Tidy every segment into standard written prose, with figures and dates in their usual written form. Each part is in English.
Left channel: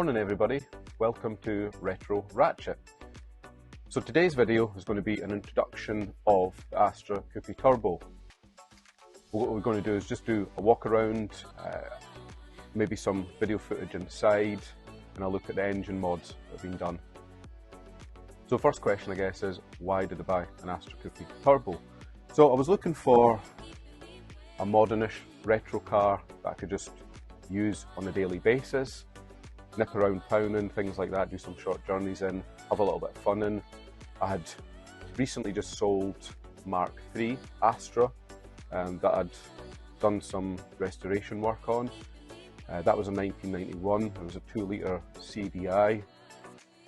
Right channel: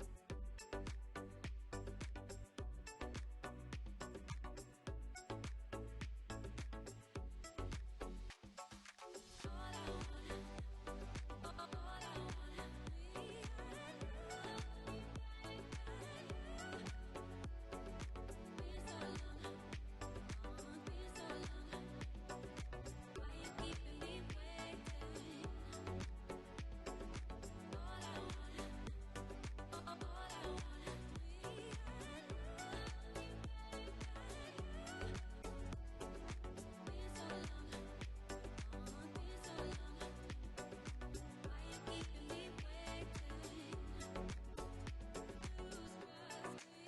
Morning everybody, welcome to Retro Ratchet. So today's video is going to be an introduction of the Astra Coupe Turbo. What we're going to do is just do a walk around, maybe some video footage inside, and I'll look at the engine mods that have been done. So the first question I guess is, why did I buy an Astra Coupe Turbo? So I was looking for a modernish retro car that I could just use on a daily basis, nip around town and things like that, do some short journeys in, have a little bit of fun in. I had recently just sold Mark III Astra that I'd done some restoration work on. That was in 1991, it was a 2-litre CDI,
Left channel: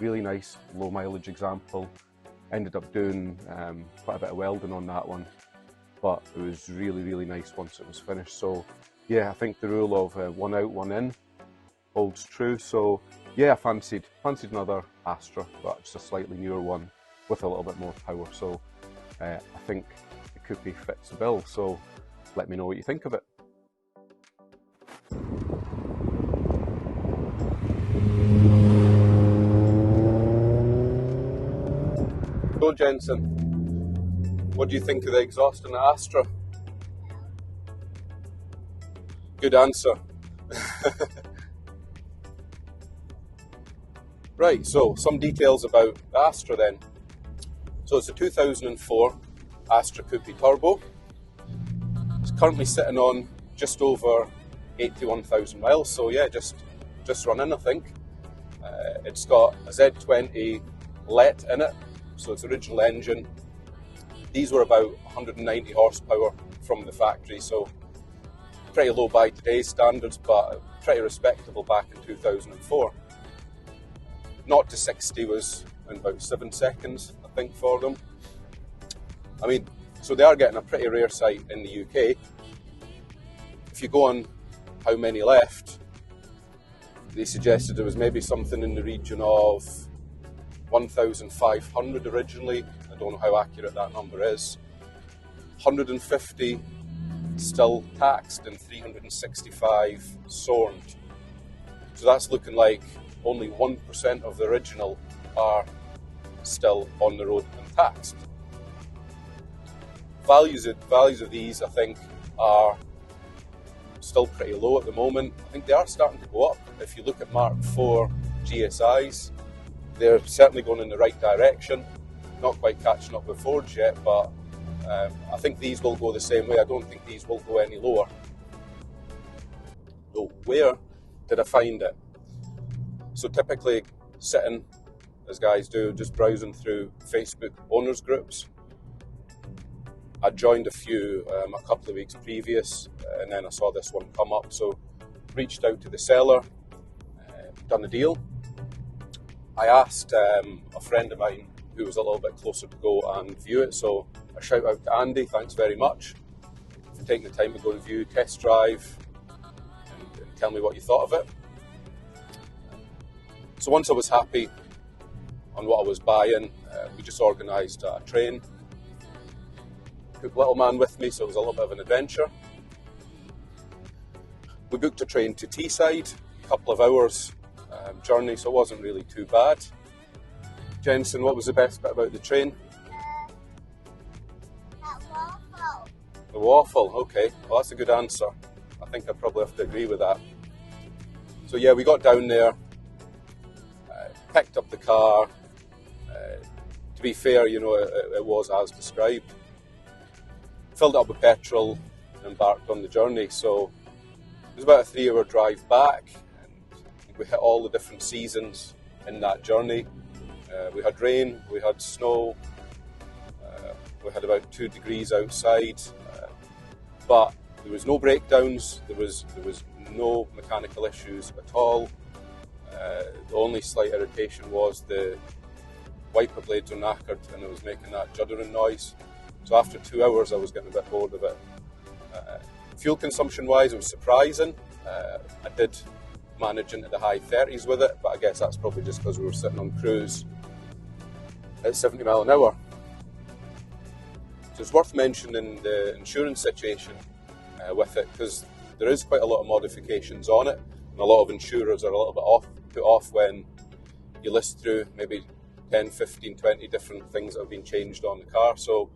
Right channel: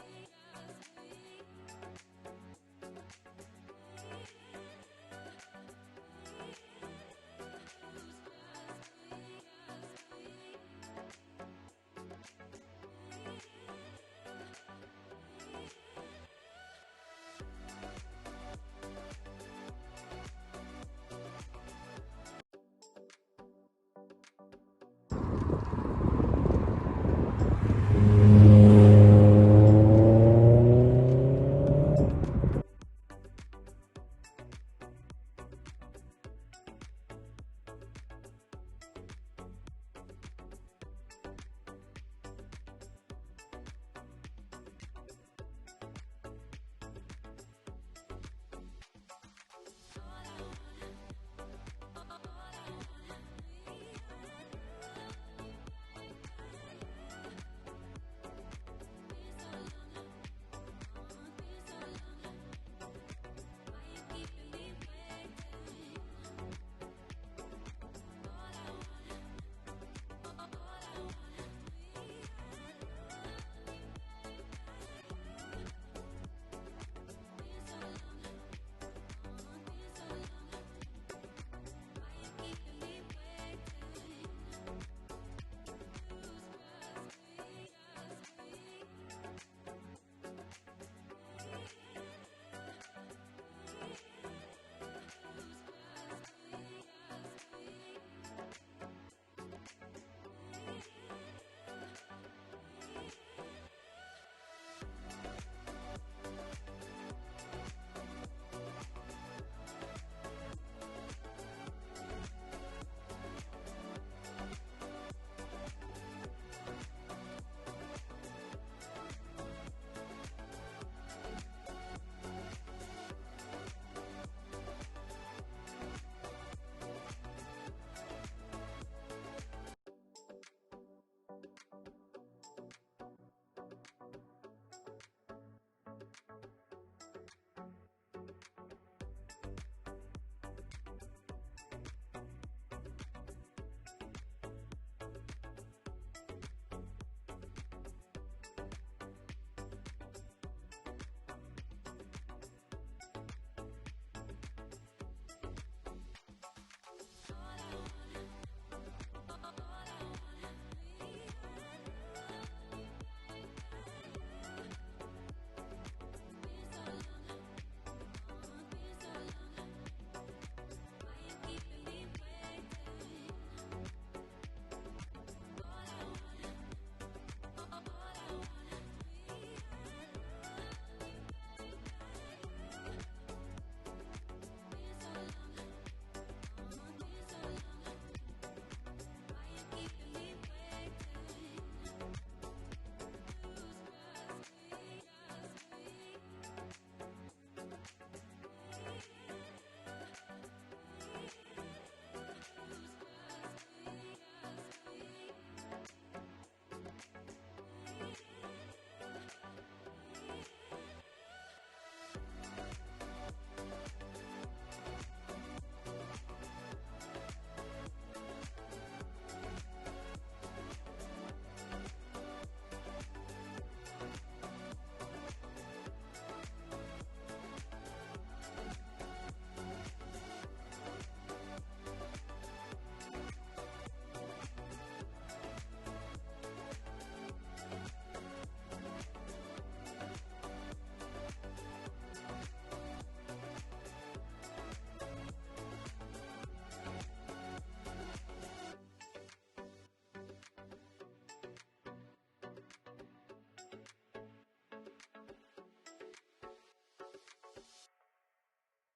really nice low mileage example. Ended up doing quite a bit of welding on that one, but it was really nice once it was finished. So yeah, I think the rule of one out, one in holds true. So yeah, I fancied another Astra, but just a slightly newer one with a little bit more power. So I think it could be fits the bill. So let me know what you think of it. So Jensen, what do you think of the exhaust in the Astra? Good answer. Right, so some details about the Astra then. So it's a 2004 Astra Coupe Turbo. It's currently sitting on just over 81,000 miles, so yeah, just running I think. It's got a Z20 LET in it, so it's original engine. These were about 190 horsepower from the factory, so pretty low by today's standards, but pretty respectable back in 2004. 0 to 60 was in about 7 seconds, I think, for them. I mean, so they are getting a pretty rare sight in the UK. If you go on how many left, they suggested there was maybe something in the region of 1,500 originally. I don't know how accurate that number is. 150 still taxed and 365 sorted. So that's looking like only 1% of the original are still on the road and taxed. Values of these, I think, are still pretty low at the moment. I think they are starting to go up. If you look at Mark IV GSIs, they're certainly going in the right direction. Not quite catching up with Fords yet, but I think these will go the same way. I don't think these will go any lower. So where did I find it? So typically sitting, as guys do, just browsing through Facebook owners groups. I joined a few a couple of weeks previous, and then I saw this one come up, so reached out to the seller, done a deal. I asked a friend of mine who was a little bit closer to go and view it, so a shout out to Andy, thanks very much for taking the time to go and view, test drive, and tell me what you thought of it. So once I was happy on what I was buying, we just organised a train. Took little man with me, so it was a little bit of an adventure. We booked a train to Teesside, a couple of hours journey, so it wasn't really too bad. Jensen, what was the best bit about the train? The waffle, okay, well that's a good answer. I think I probably have to agree with that. So yeah, we got down there, picked up the car. To be fair, you know, it was as described. Filled it up with petrol and embarked on the journey. So it was about a 3-hour drive back. We hit all the different seasons in that journey. We had rain, we had snow, we had about 2 degrees outside, but there was no breakdowns, there was no mechanical issues at all. The only slight irritation was the wiper blades were knackered and it was making that juddering noise. So after 2 hours I was getting a bit bored of it. Fuel consumption wise, it was surprising. I did manage into the high 30s with it, but I guess that's probably just because we were sitting on cruise at 70 miles an hour. So it's worth mentioning the insurance situation with it, because there is quite a lot of modifications on it. A lot of insurers are a little bit put off when you list through maybe 10, 15, 20 different things that have been changed on the car. So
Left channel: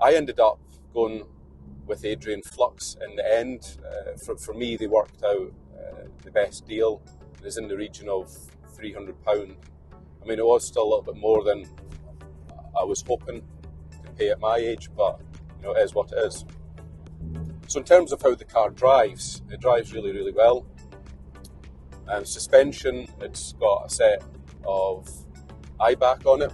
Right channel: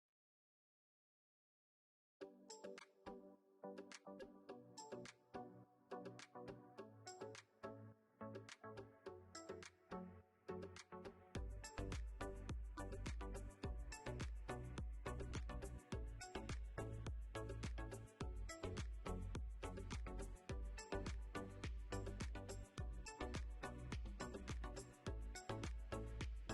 I ended up going with Adrian Flux in the end. For me, they worked out the best deal. It was in the region of £300. I mean, it was still a little bit more than I was hoping to pay at my age, but you know, it is what it is. So in terms of how the car drives, it drives really, really well. And suspension, it's got a set of IBAC on it.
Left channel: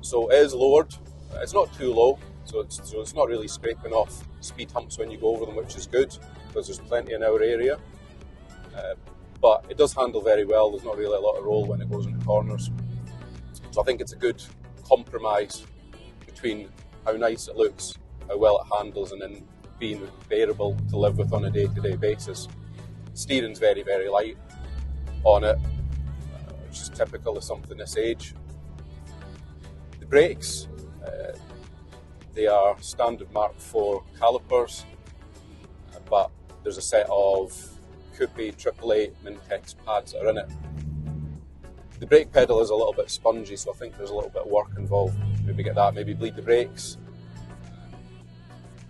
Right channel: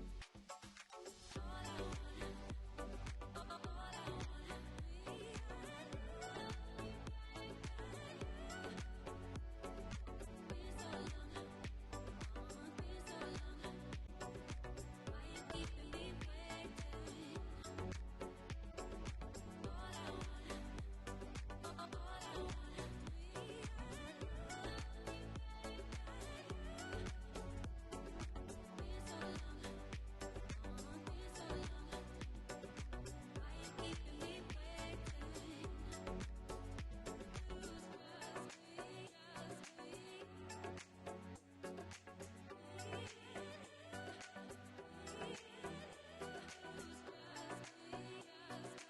So it is lowered. It's not too low, so it's not really scraping off speed humps when you go over them, which is good, because there's plenty in our area. But it does handle very well. There's not really a lot of roll when it goes into corners. So I think it's a good compromise between how nice it looks, how well it handles, and then being bearable to live with on a day-to-day basis. Steering's very, very light on it, which is typical of something this age. The brakes, they are standard Mark IV calipers, but there's a set of Coupe AAA Mintex pads that are in it. The brake pedal is a little bit spongy, so I think there's a little bit of work involved. Maybe get that, maybe bleed the brakes.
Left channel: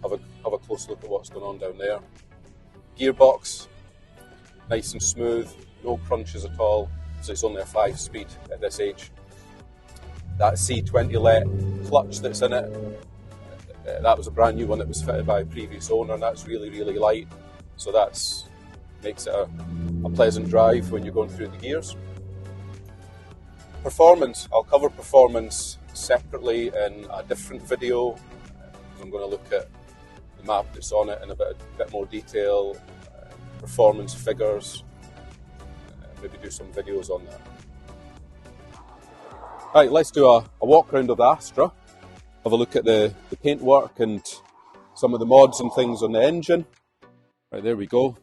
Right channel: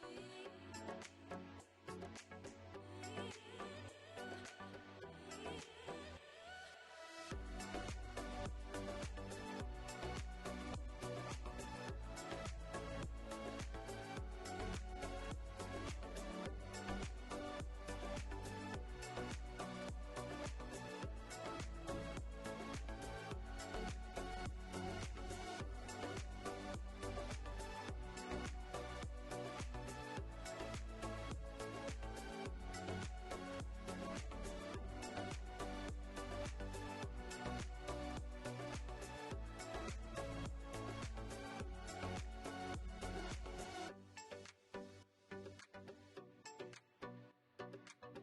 Have a close look at what's going on down there. Gearbox, nice and smooth, no crunches at all, so it's only a 5-speed at this age. That C20 LET clutch that's in it, that was a brand new one that was fitted by a previous owner, and that's really, really light, so that's makes it a pleasant drive when you're going through the gears. Performance, I'll cover performance separately in a different video. I'm going to look at the map that's on it in a bit more detail, performance figures, maybe do some videos on that. Right, let's do a walk around of the Astra, have a look at the paintwork and some of the mods and things on the engine. Right, there we go.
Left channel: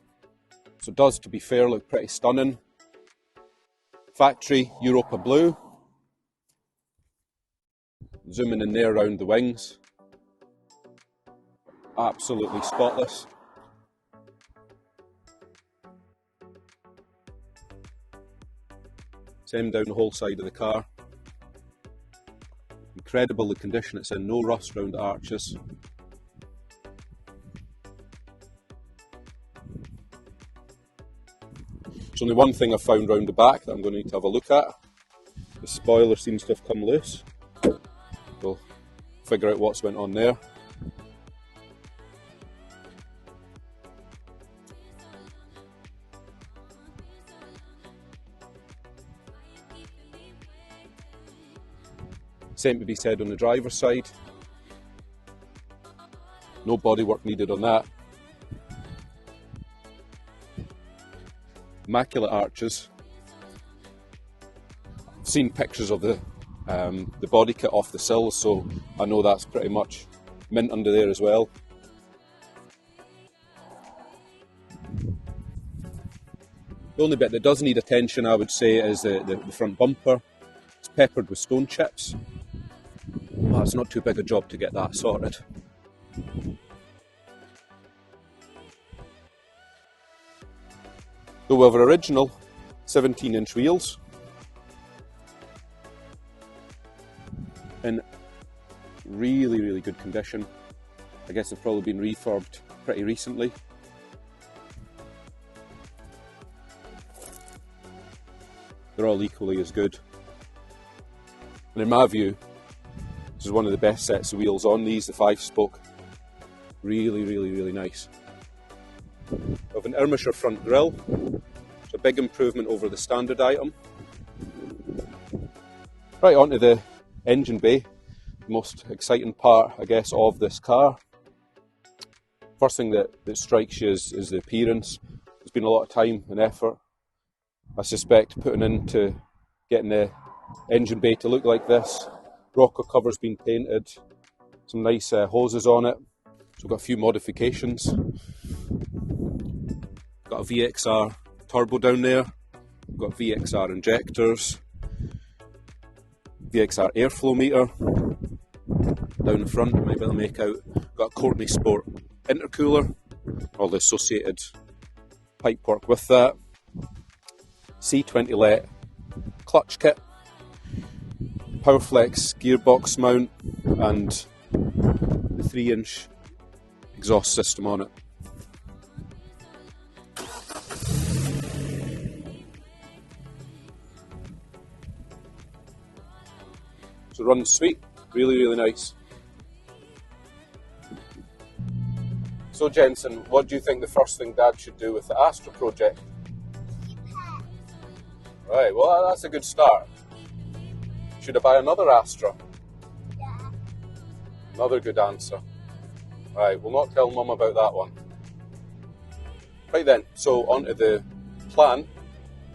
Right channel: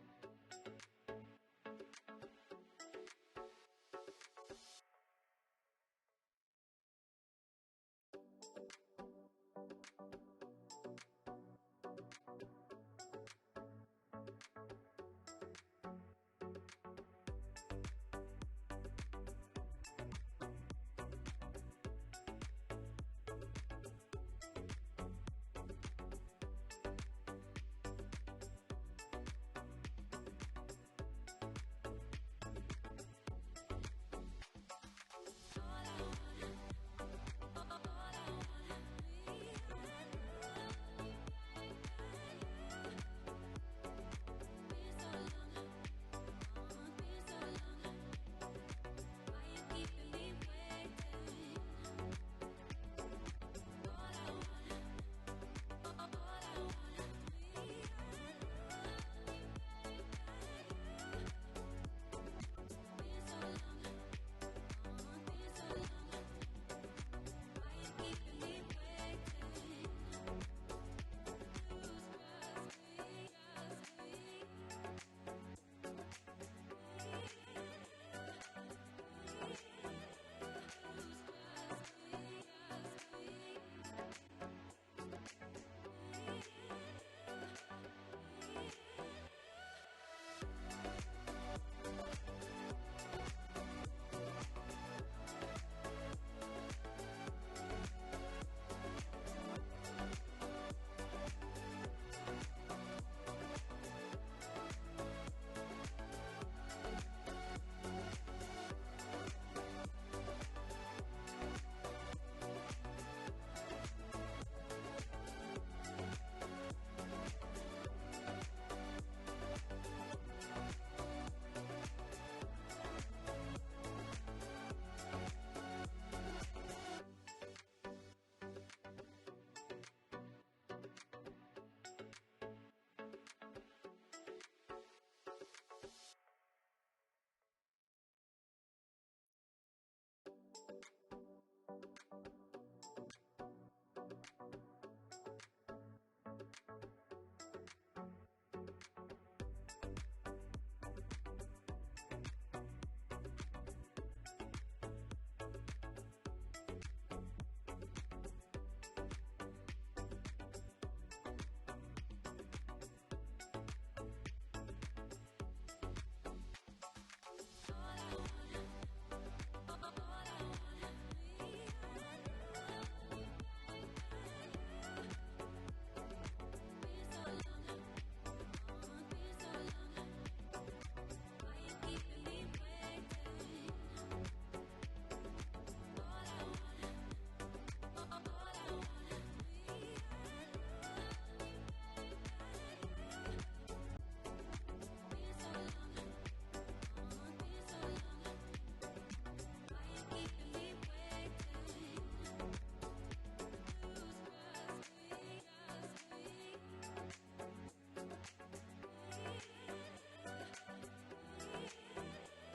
So it does, to be fair, look pretty stunning. Factory Europa blue. Zooming in there around the wings. Absolutely spotless. Same down the whole side of the car. Incredible the condition it's in, no rust around the arches. There's only one thing I've found round the back that I'm going to need to have a look at. The spoiler seems to have come loose. We'll figure out what's went on there. Same to be said on the driver's side. No bodywork needed on that. Immaculate arches. I've seen pictures of the body kit off the sills, so I know that's pretty much mint under there as well. The only bit that does need attention, I would say, is the front bumper. It's peppered with stone chips. Well, it's not too big a job to get that sorted. So we have our original 17-inch wheels in really, really good condition. I guess they've probably been refurbed pretty recently. They're all equally as good. And in my view, this is one of the best sets of wheels on these, the 5-spoke. Really, really, really nice. We have an Irmischer front grille. It's a big improvement over the standard item. Right, onto the engine bay. The most exciting part, I guess, of this car. First thing that strikes you is the appearance. There's been a lot of time and effort, I suspect, putting into getting the engine bay to look like this. Rocker cover's been painted, some nice hoses on it. So we've got a few modifications. Got a VXR turbo down there. We've got VXR injectors, VXR airflow meter down the front. You might be able to make out. Got a Courtney Sport intercooler, all the associated pipework with that, C20 LET clutch kit, Powerflex gearbox mount, and 3-inch exhaust system on it. So runs sweet, really nice. So Jensen, what do you think the first thing Dad should do with the Astra project? Right, well that's a good start. Should I buy another Astra? Yeah. Another good answer. Right, we'll not tell Mum about that one. Right then, so on to the plan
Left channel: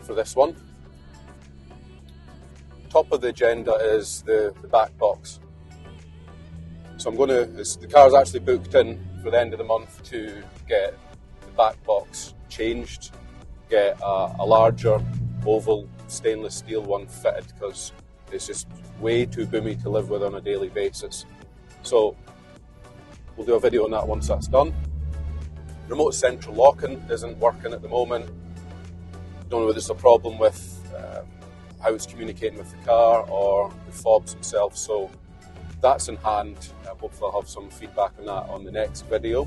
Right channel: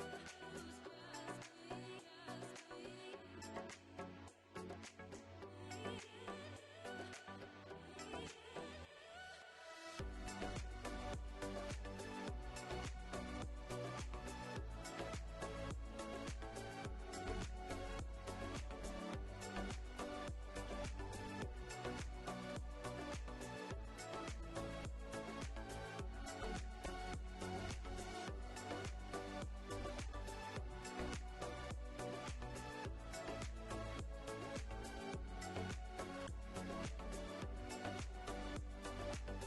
for this one. Top of the agenda is the back box. So I'm going to, the car's actually booked in for the end of the month to get the back box changed, get a larger oval stainless steel one fitted because it's just way too boomy to live with on a daily basis. So we'll do a video on that once that's done. Remote central locking isn't working at the moment. Don't know whether it's a problem with how it's communicating with the car or the fobs themselves, so that's in hand. Hopefully I'll have some feedback on that on the next video.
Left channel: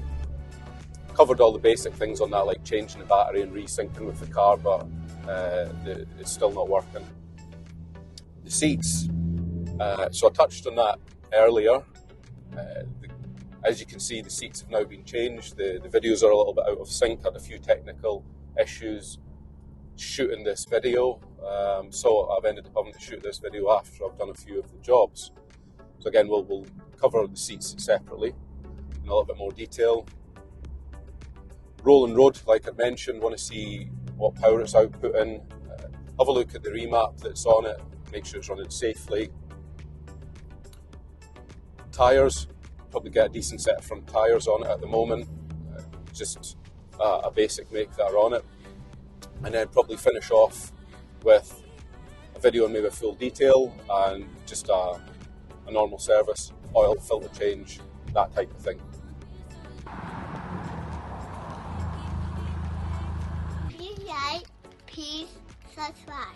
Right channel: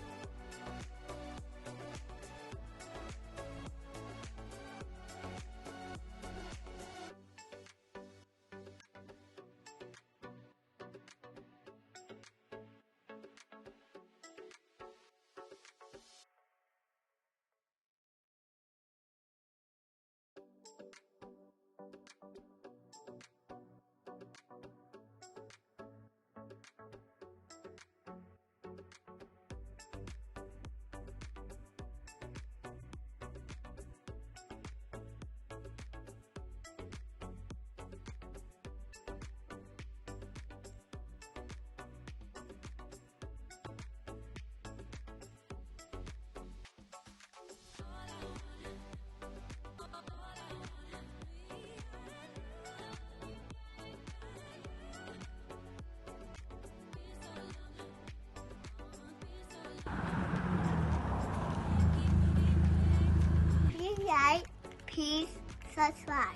Covered all the basic things on that, like changing the battery and resyncing with the car, but it's still not working. The seats, so I touched on that earlier. As you can see, the seats have now been changed. The videos are a little bit out of sync, had a few technical issues shooting this video, so I've ended up having to shoot this video after I've done a few of the jobs. So again, we'll cover the seats separately in a little bit more detail. Rolling road, like I mentioned, want to see what power it's outputting. Have a look at the remap that's on it, make sure it's running safely. Tyres, probably get a decent set of front tyres on it at the moment, just a basic make that are on it. And then probably finish off with a video in maybe full detail and just a normal service, oil, filter change, that type of thing. Please like, please subscribe.